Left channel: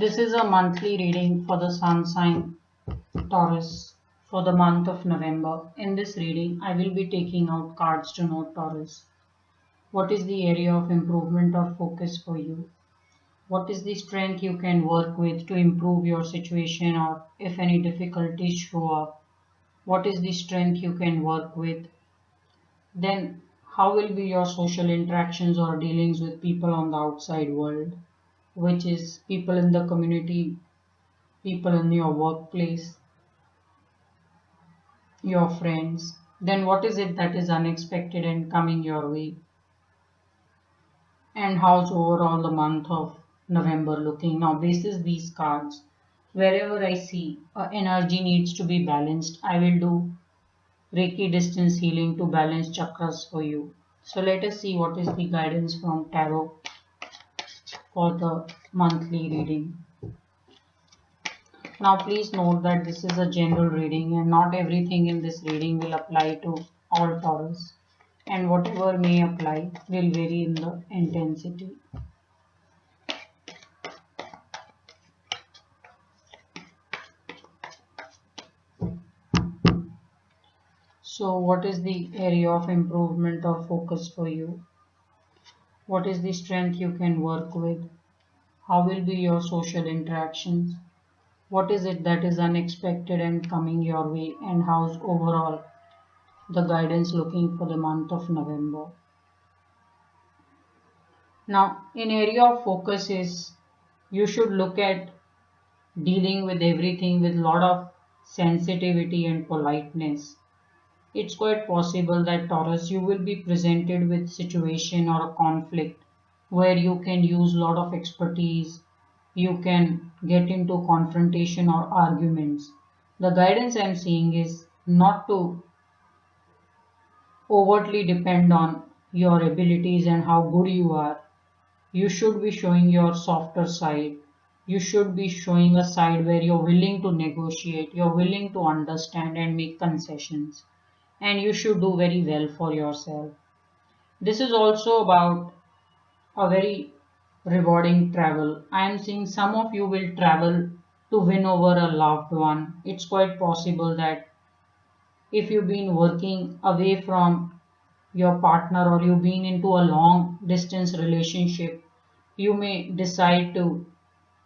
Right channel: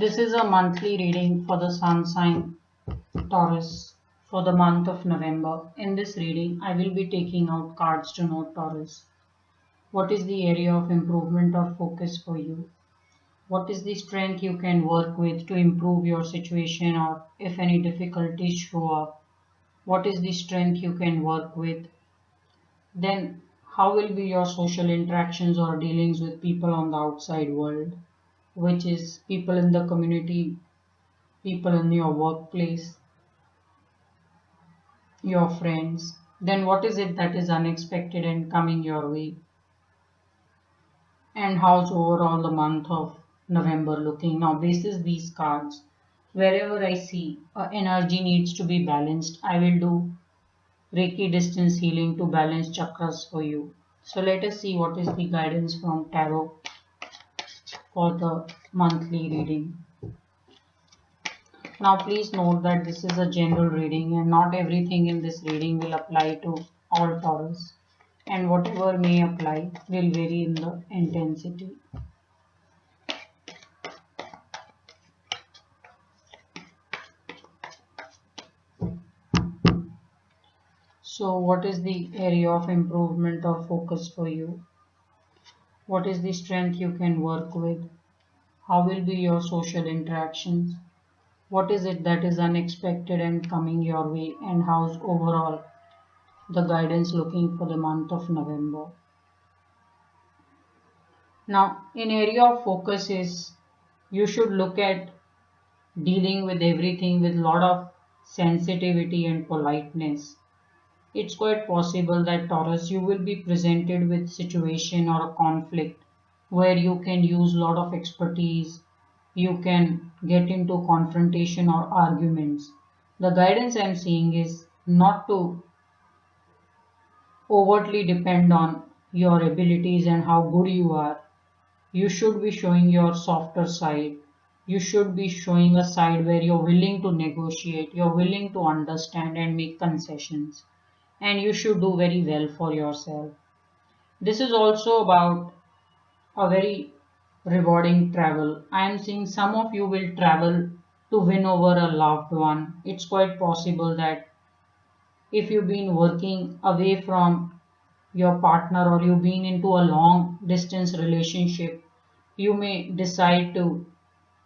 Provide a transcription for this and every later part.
This is a monthly reading for the sun sign Taurus for the month of November. In this reading, I will be taking out cards to note Taurus. What is the area of improvement or focus for you? What is the strength you can work with to improve your situation, or if any difficulties show up? What is the strength you can work with? Then, how will be your social interactions or dealings with people on the outside world, which is people in the community, people in your workplace, your friends? Then what is it that is unexpected and coming your way? And how's overall the month of November looking? Now, basis these cards, wherever I see energy needs to be balanced, I will do Reiki distance healing to balance chakras for you. So let us see what is the guidance from Tarot for the monthly reading. Now please note that this is a general reading and not everything in this reading will apply to all Taurus, and whatever may apply will vary in the intensity. So what is the area of improvement or focus for you? What is the strength you can work with? How will be your social interactions? What is it that is unexpected and coming your way, and how's overall the guidance looking for the month of November? Now, in area of focus is you should look at dealing with everything with lot of sensitivity and politeness. It's quite possible that Taurus, you will be presented with situation or a conflict where you can use lot of expertise, you can get into confrontation or arguments. The guidance I'm seeing is not to overtly depend on your abilities and how good you are. You should be showing your softer side. You should be showing a side where you're willing to negotiate, you're willing to understand and make concessions. And you should do very well for yourself. This is also about a very rewarding travel. I am seeing some of you will travel to win over a loved one. It's quite possible that if you've been working away from your partner or you've been into a long distance relationship, you may decide to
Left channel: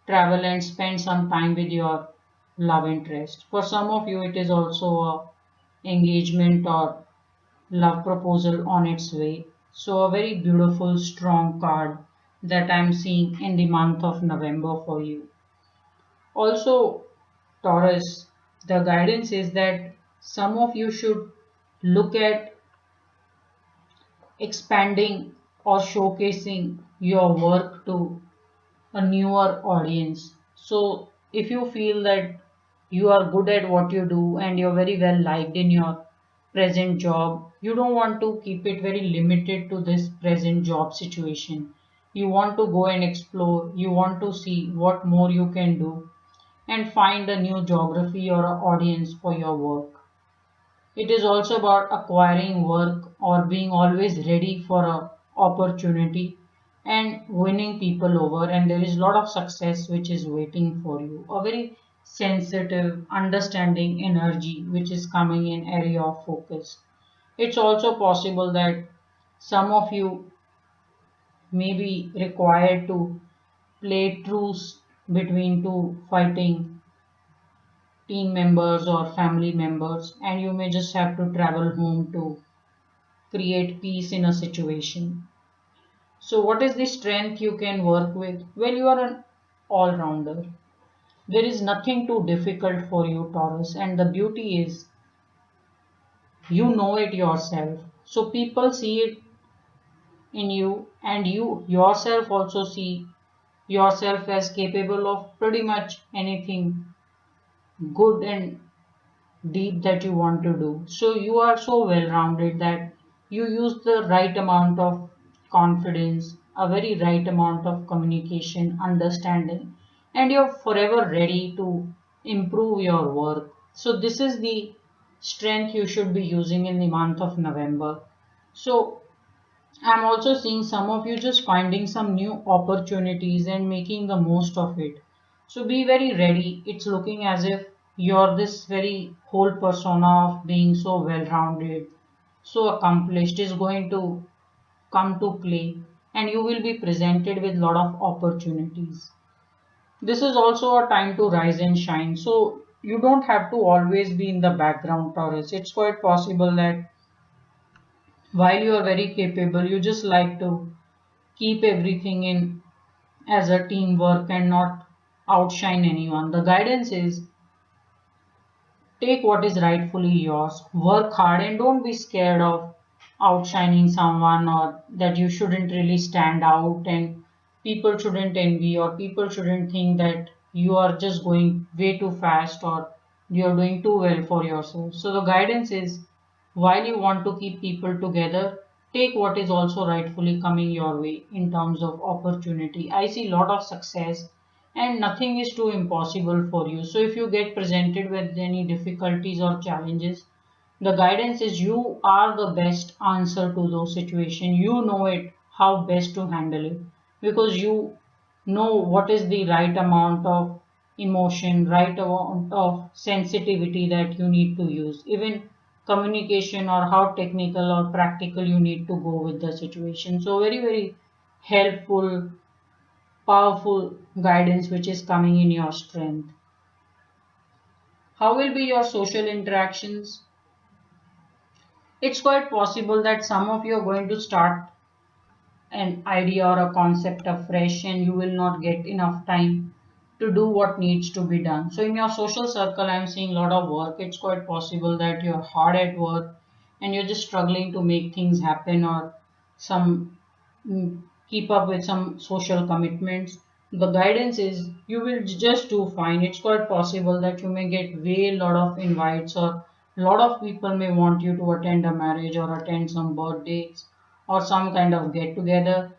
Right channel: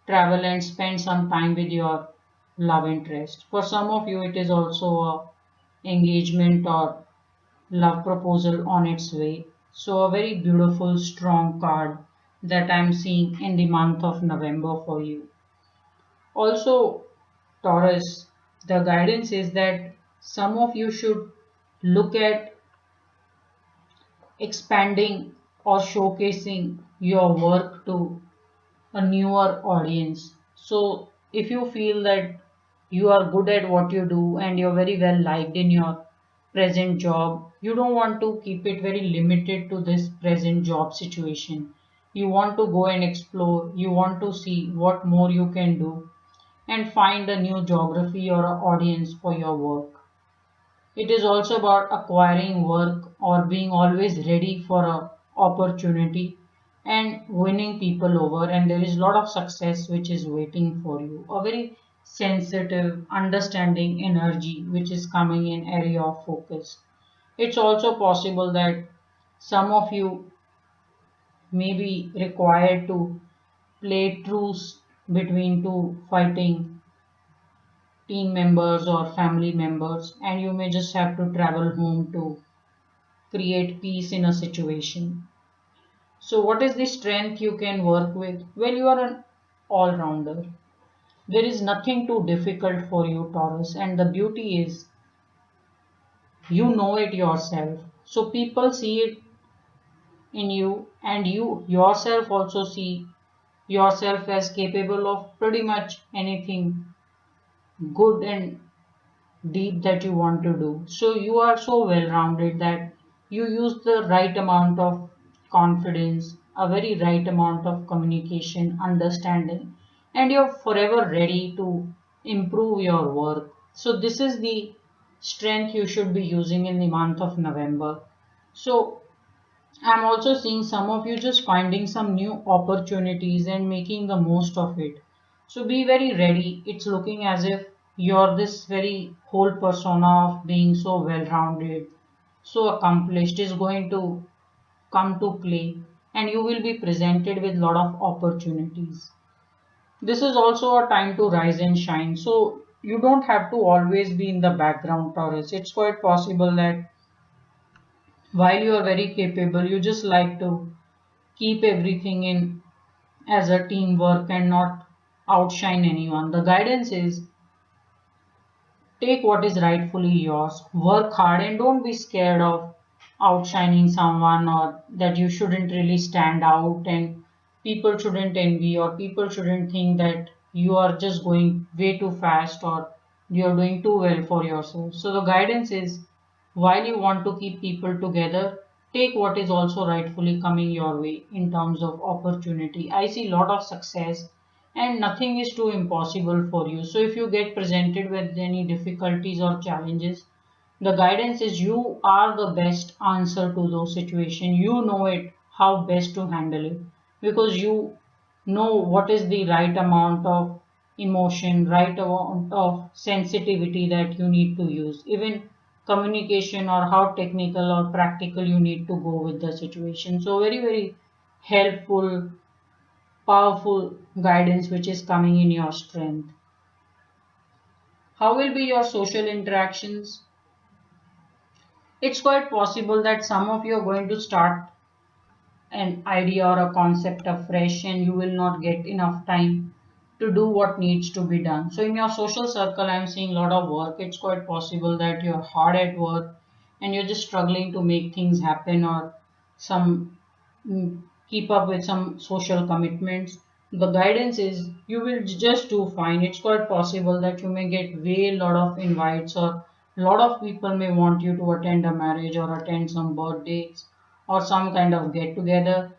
travel and spend some time with your love interest. For some of you, it is also a engagement or love proposal on its way. So a very beautiful, strong card that I'm seeing in the month of November for you. Also, Taurus, the guidance is that some of you should look at expanding or showcasing your work to a newer audience. So if you feel that you are good at what you do and you're very well liked in your present job, you don't want to keep it very limited to this present job situation. You want to go and explore, you want to see what more you can do and find a new geography or a audience for your work. It is also about acquiring work or being always ready for a opportunity and winning people over, and there is a lot of success which is waiting for you. A very sensitive, understanding energy which is coming in area of focus. It's also possible that some of you may be required to play truce between two fighting team members or family members, and you may just have to travel home to create peace in a situation. So, what is the strength you can work with? Well, you are an all rounder. There is nothing too difficult for you, Taurus, and the beauty is you know it yourself. So, people see it in you, and you yourself also see yourself as capable of pretty much anything good and deep that you want to do. So you are so well rounded that you use the right amount of confidence, a very right amount of communication, understanding, and you're forever ready to improve your work. So this is the strength you should be using in the month of November. So I'm also seeing some of you just finding some new opportunities and making the most of it. So be very ready. It's looking as if you're this very whole persona of being so well rounded, so accomplished is going to come to play, and you will be presented with a lot of opportunities. This is also a time to rise and shine. So you don't have to always be in the background, Taurus. It's quite possible that while you are very capable, you just like to keep everything in as a teamwork and not outshine anyone. The guidance is take what is rightfully yours, work hard, and don't be scared of outshining someone, or that you shouldn't really stand out and people shouldn't envy, or people shouldn't think that you are just going way too fast or you're doing too well for yourself. So the guidance is while you want to keep people together, take what is also rightfully coming your way in terms of opportunity. I see a lot of success and nothing is too impossible for you. So if you get presented with any difficulties or challenges, the guidance is you are the best answer to those situations. You know it, how best to handle it, because you know what is the right amount of emotion, right amount of sensitivity that you need to use. Even communication or how technical or practical you need to go with the situation. So very, very helpful, powerful guidance which is coming in your strength. How will be your social interactions? It's quite possible that some of you are going to start an idea or a concept afresh and you will not get enough time to do what needs to be done. So in your social circle, I'm seeing a lot of work. It's quite possible that you're hard at work and you're just struggling to make things happen, or some keep up with some social commitments. The guidance is you will just do fine. It's quite possible that you may get way lot of invites, or a lot of people may want you to attend a marriage or attend some birthdays or some kind of get together.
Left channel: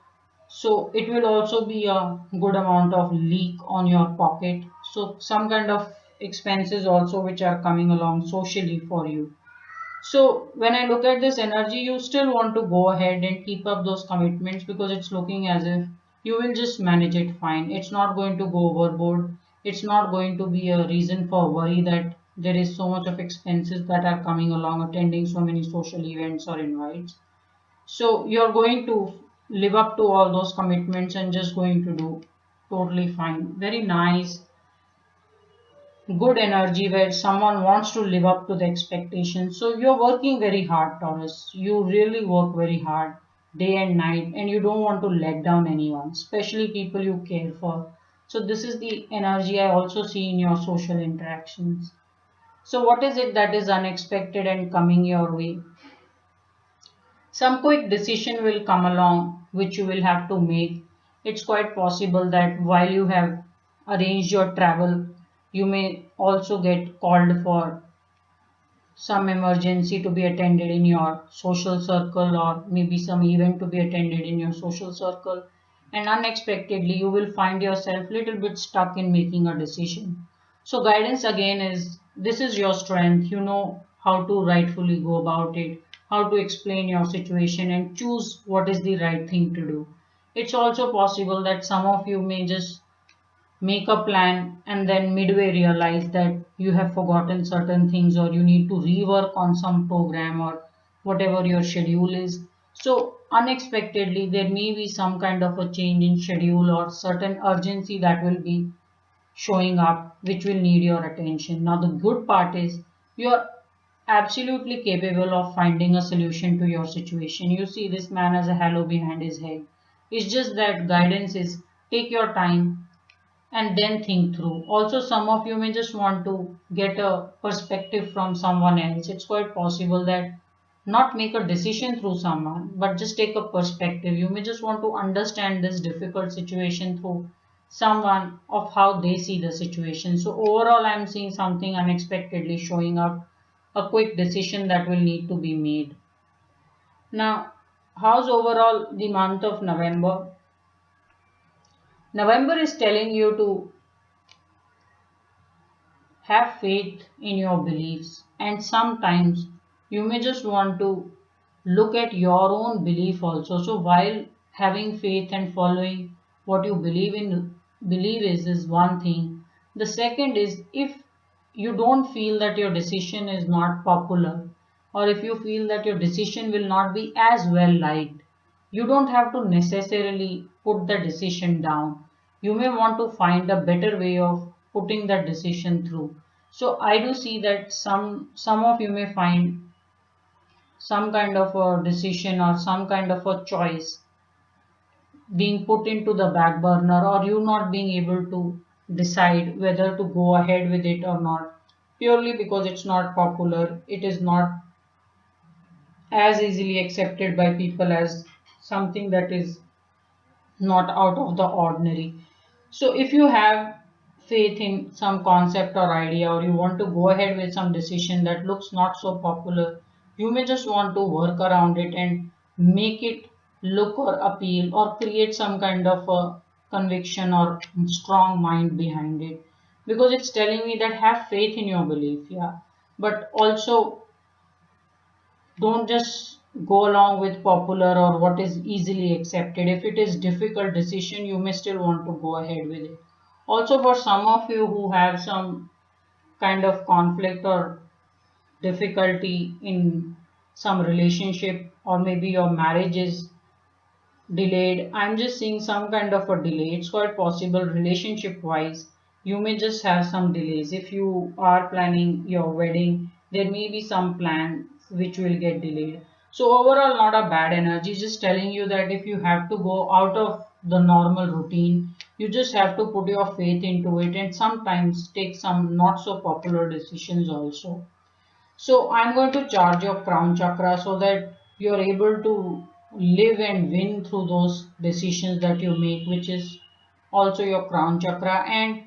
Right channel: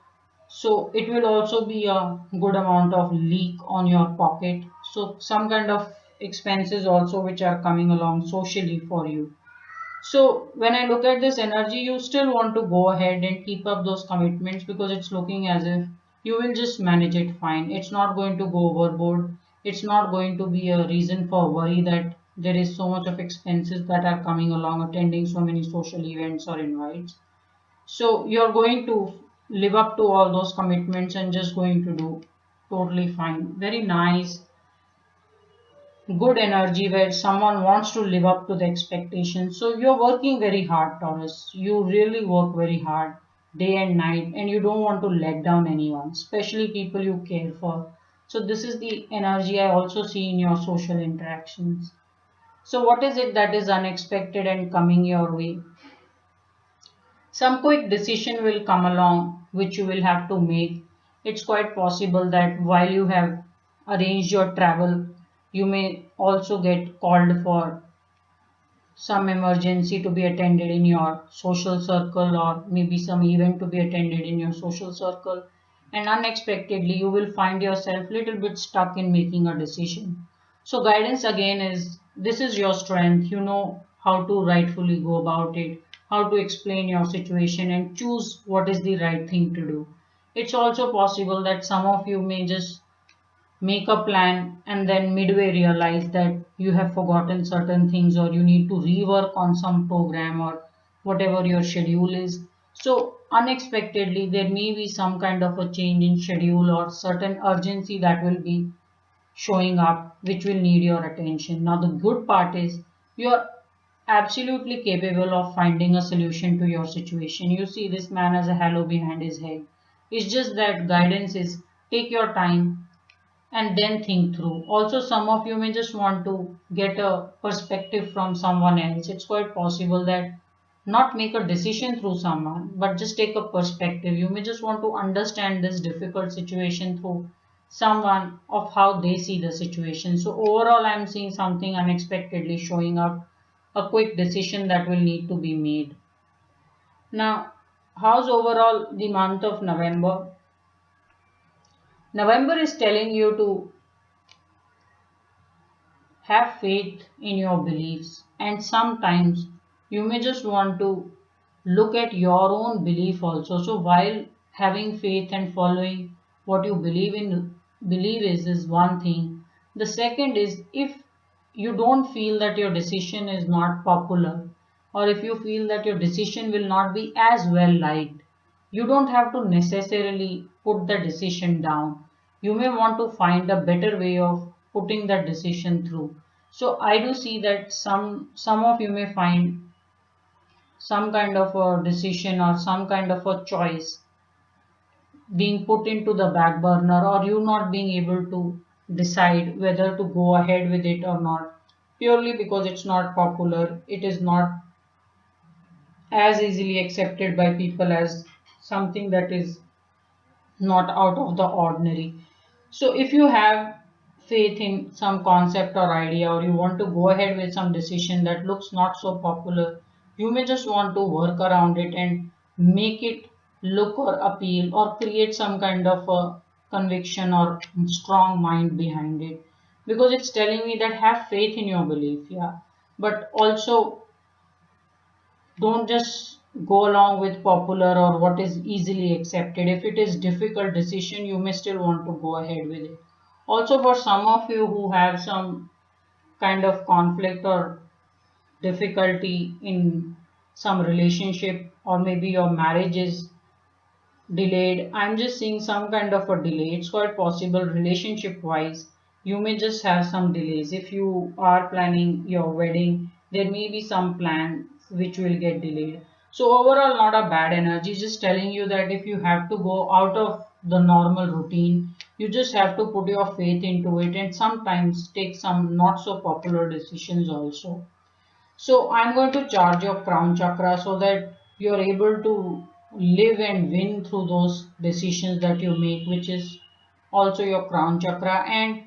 So it will also be a good amount of leak on your pocket. So some kind of expenses also which are coming along socially for you. So when I look at this energy, you still want to go ahead and keep up those commitments, because it's looking as if you will just manage it fine. It's not going to go overboard. It's not going to be a reason for worry that there is so much of expenses that are coming along attending so many social events or invites. So you're going to live up to all those commitments and just going to do totally fine. Very nice, good energy where someone wants to live up to the expectations. So you're working very hard, Taurus. You really work very hard day and night, and you don't want to let down anyone, especially people you care for. So this is the energy I also see in your social interactions. So what is it that is unexpected and coming your way? Some quick decision will come along which you will have to make. It's quite possible that while you have arranged your travel, you may also get called for some emergency to be attended in your social circle, or maybe some event to be attended in your social circle, and unexpectedly you will find yourself little bit stuck in making a decision. So guidance again is this is your strength. You know how to rightfully go about it, how to explain your situation and choose what is the right thing to do. It's also possible that some of you may just make a plan and then midway realize that you have forgotten certain things, or you need to rework on some program or whatever your schedule is. So unexpectedly there may be some kind of a change in schedule or certain urgency that will be showing up which will need your attention. Now the good part is you are absolutely capable of finding a solution to your situation. You see this man has a halo behind his head. It's just that guidance is take your time and then think through. Also, some of you may just want to get a perspective from someone else. It's quite possible that not make a decision through someone, but just take a perspective. You may just want to understand this difficult situation through someone of how they see the situation. So overall, I'm seeing something unexpectedly showing up, a quick decision that will need to be made. Now, how's overall the month of November? November is telling you to have faith in your beliefs, and sometimes you may just want to look at your own belief also. So while having faith and following what you believe in, believe is one thing, The second is, if you don't feel that your decision is not popular, or if you feel that your decision will not be as well liked, you don't have to necessarily put the decision down. You may want to find a better way of putting that decision through. So I do see that some of you may find some kind of a decision or some kind of a choice being put into the back burner, or you not being able to decide whether to go ahead with it or not, purely because it's not popular, it is not as easily accepted by people as something that is not out of the ordinary. So if you have faith in some concept or idea, or you want to go ahead with some decision that looks not so popular, you may just want to work around it and make it look or appeal or create some kind of a conviction or strong mind behind it, because it's telling me that have faith in your belief, yeah, but also don't just go along with popular or what is easily accepted. If it is difficult decision, you may still want to go ahead with it. Also, for some of you who have some kind of conflict or difficulty in some relationship, or maybe your marriage is delayed, I'm just seeing some kind of a delay. It's quite possible relationship wise you may just have some delays. If you are planning your wedding, there may be some plans which will get delayed. So overall, not a bad energy, just telling you that if you have to go out of the normal routine, you just have to put your faith into it and sometimes take some not so popular decisions also. So I'm going to charge your crown chakra so that you're able to live and win through those decisions that you make, which is also your crown chakra. And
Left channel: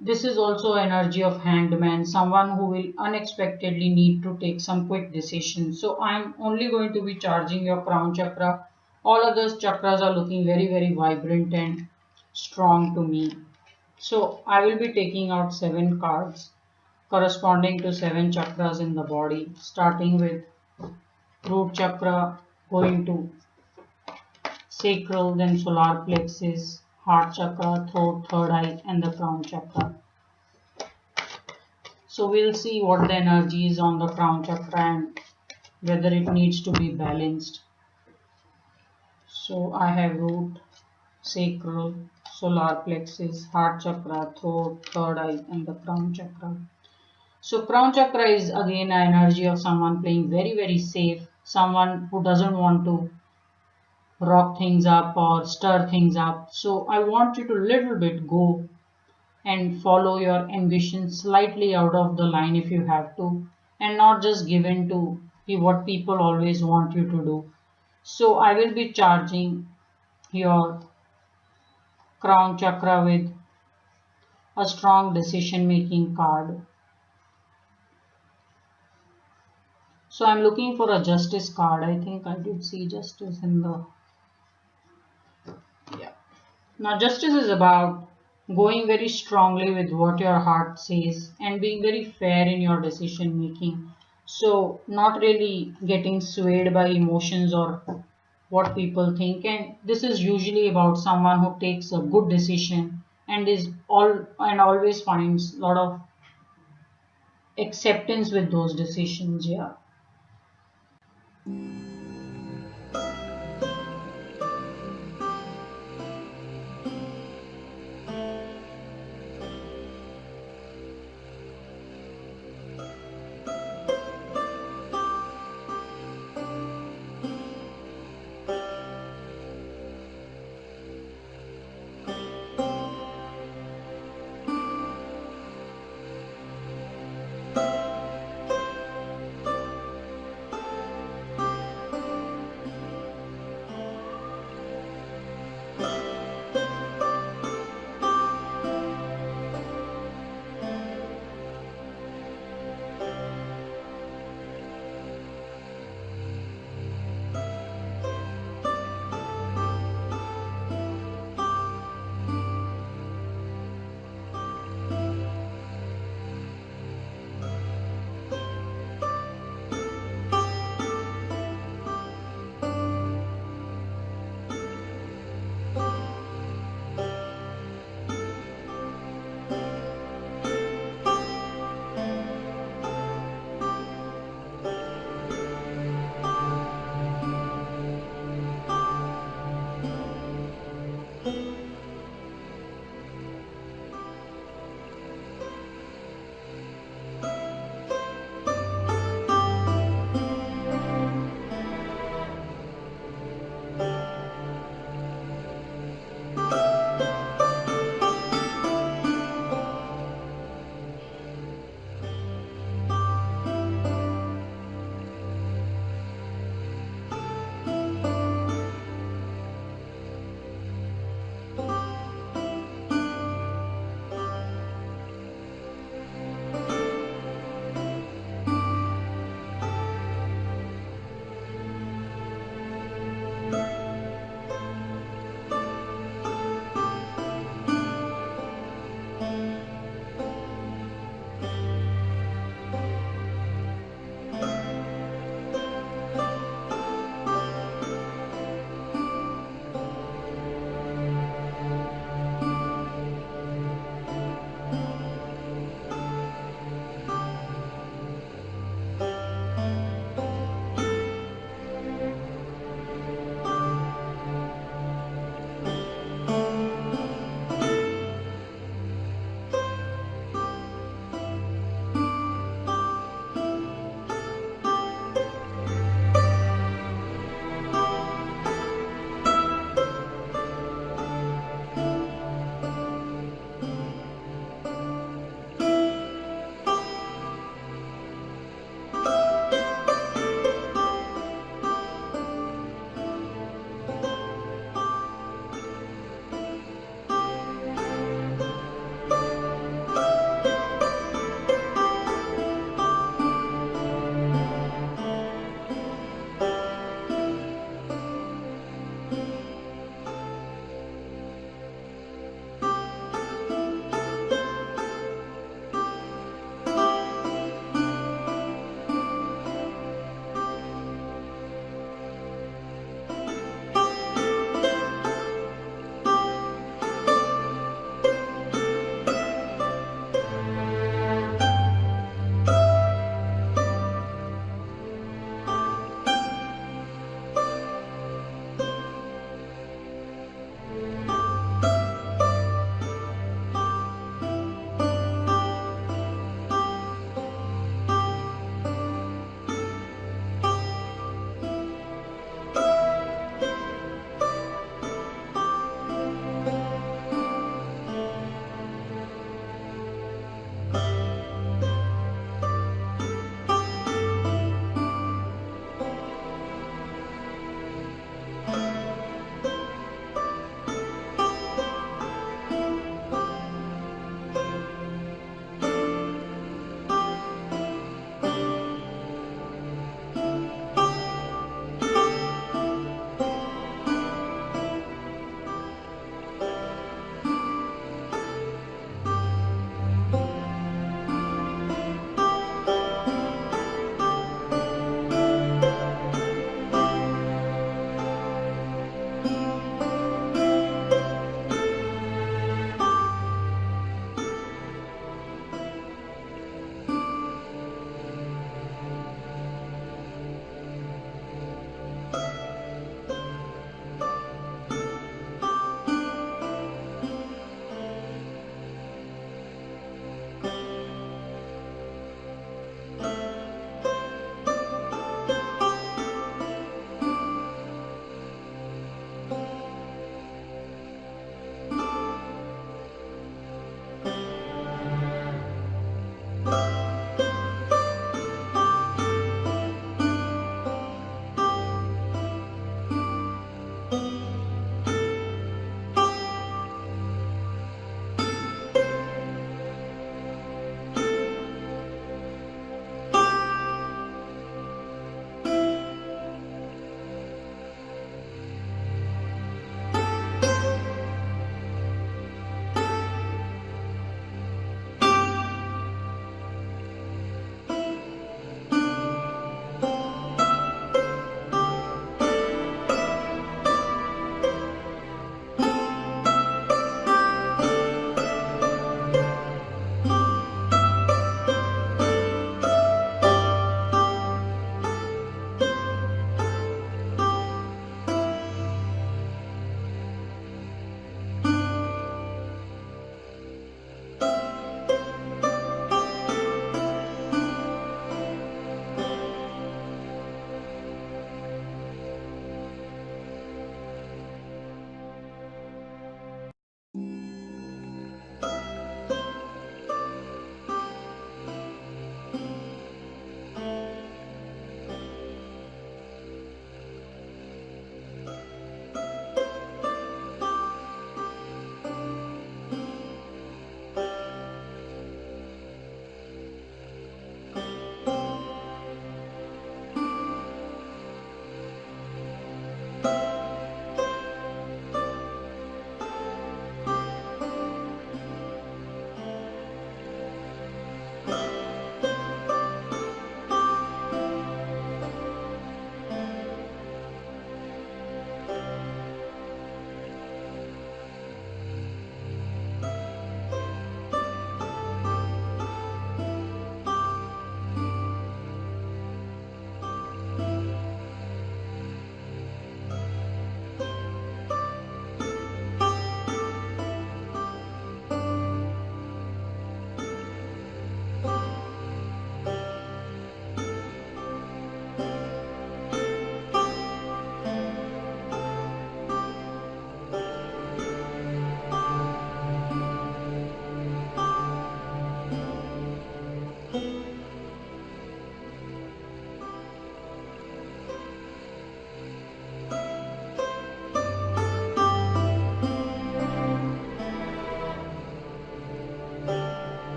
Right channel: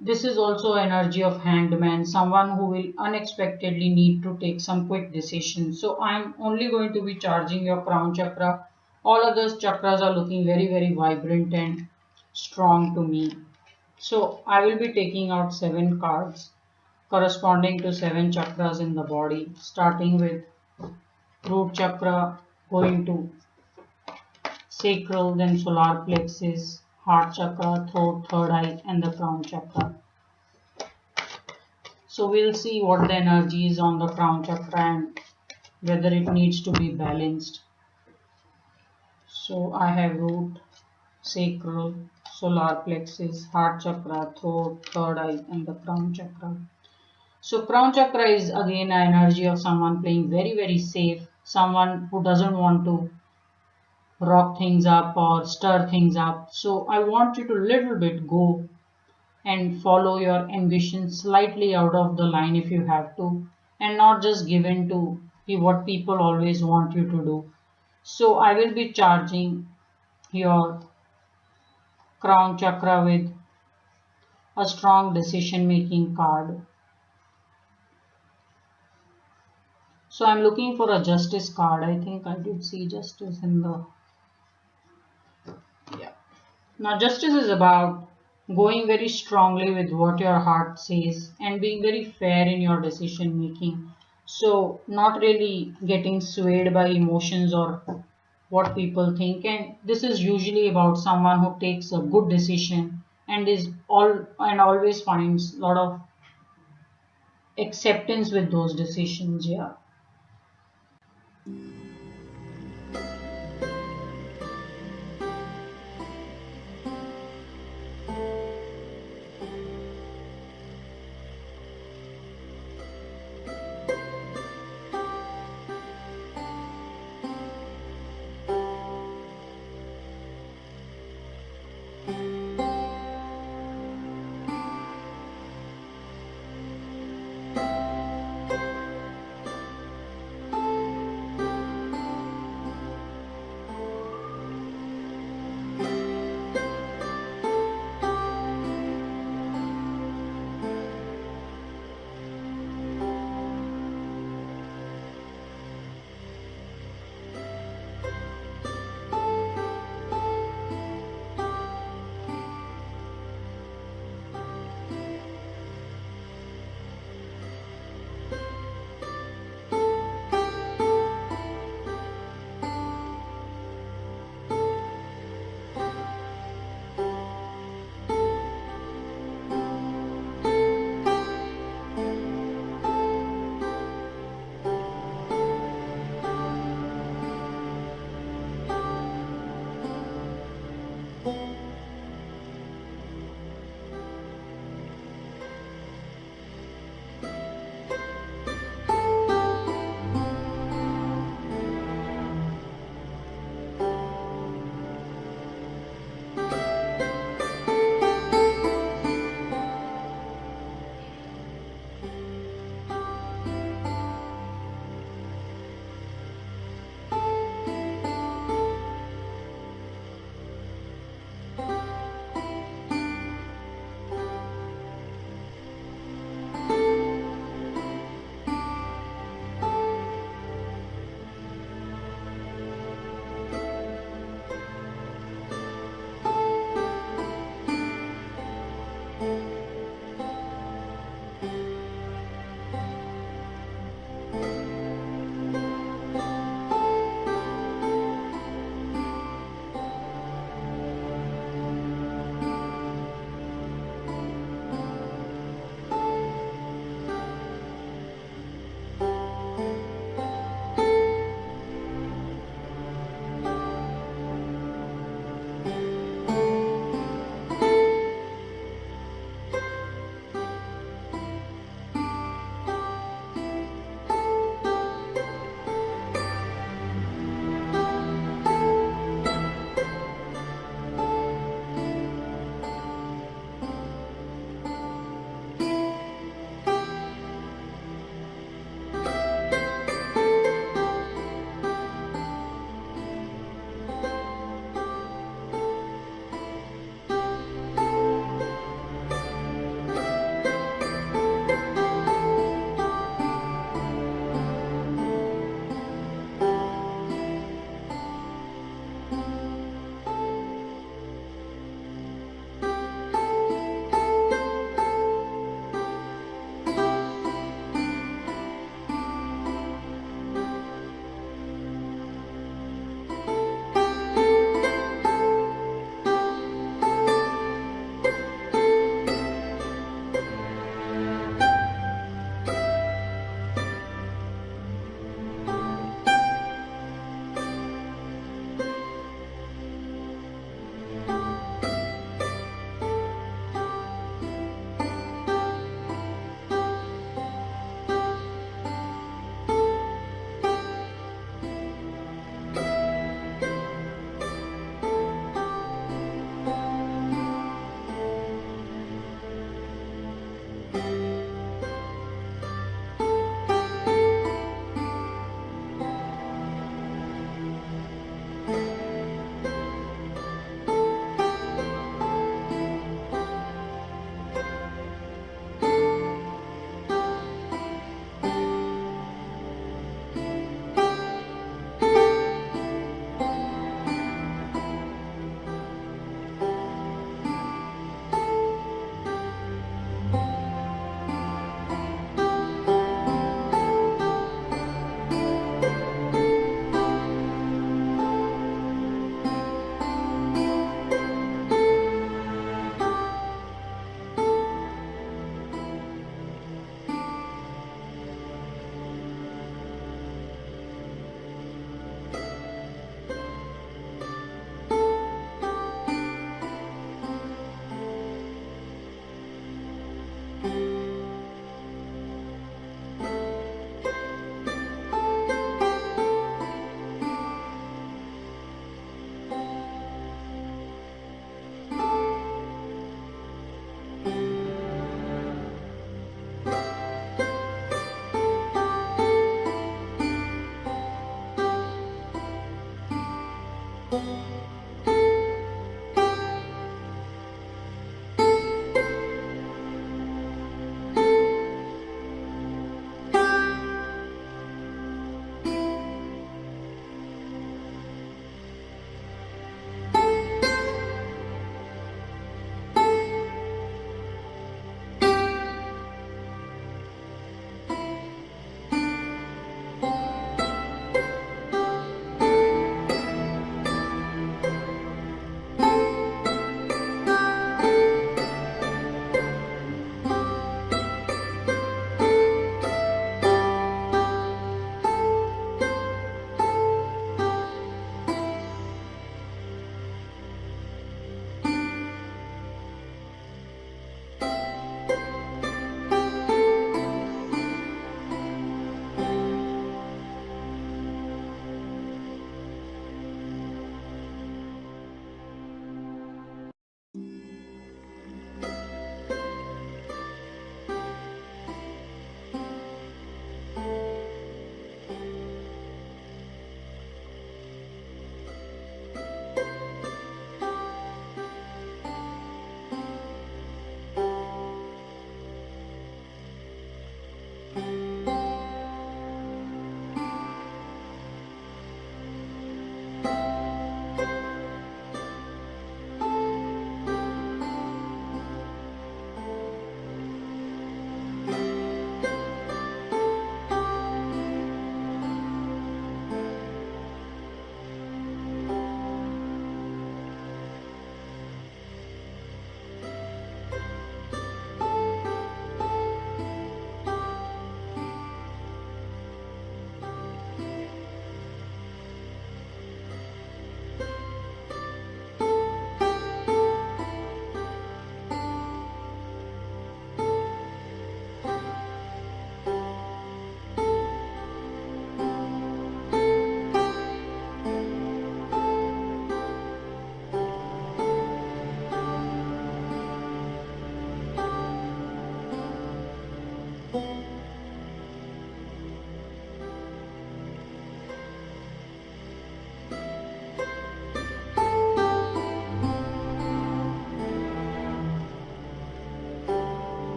this is also energy of hanged man, someone who will unexpectedly need to take some quick decisions. So I'm only going to be charging your crown chakra. All other chakras are looking very, very vibrant and strong to me. So I will be taking out 7 cards corresponding to 7 chakras in the body, starting with root chakra, going to sacral, then solar plexus, heart chakra, throat, third eye, and the crown chakra. So we'll see what the energy is on the crown chakra and whether it needs to be balanced. So I have root, sacral, solar plexus, heart chakra, throat, third eye, and the crown chakra. So crown chakra is again an energy of someone playing very, very safe, someone who doesn't want to rock things up or stir things up. So I want you to little bit go and follow your ambition slightly out of the line if you have to, and not just give in to what people always want you to do. So I will be charging your crown chakra with a strong decision making card. So I'm looking for a justice card. I think I did see justice in the, yeah. Now justice is about going very strongly with what your heart says and being very fair in your decision making. So not really getting swayed by emotions or what people think. And this is usually about someone who takes a good decision and is all and always finds a lot of acceptance with those decisions. Yeah.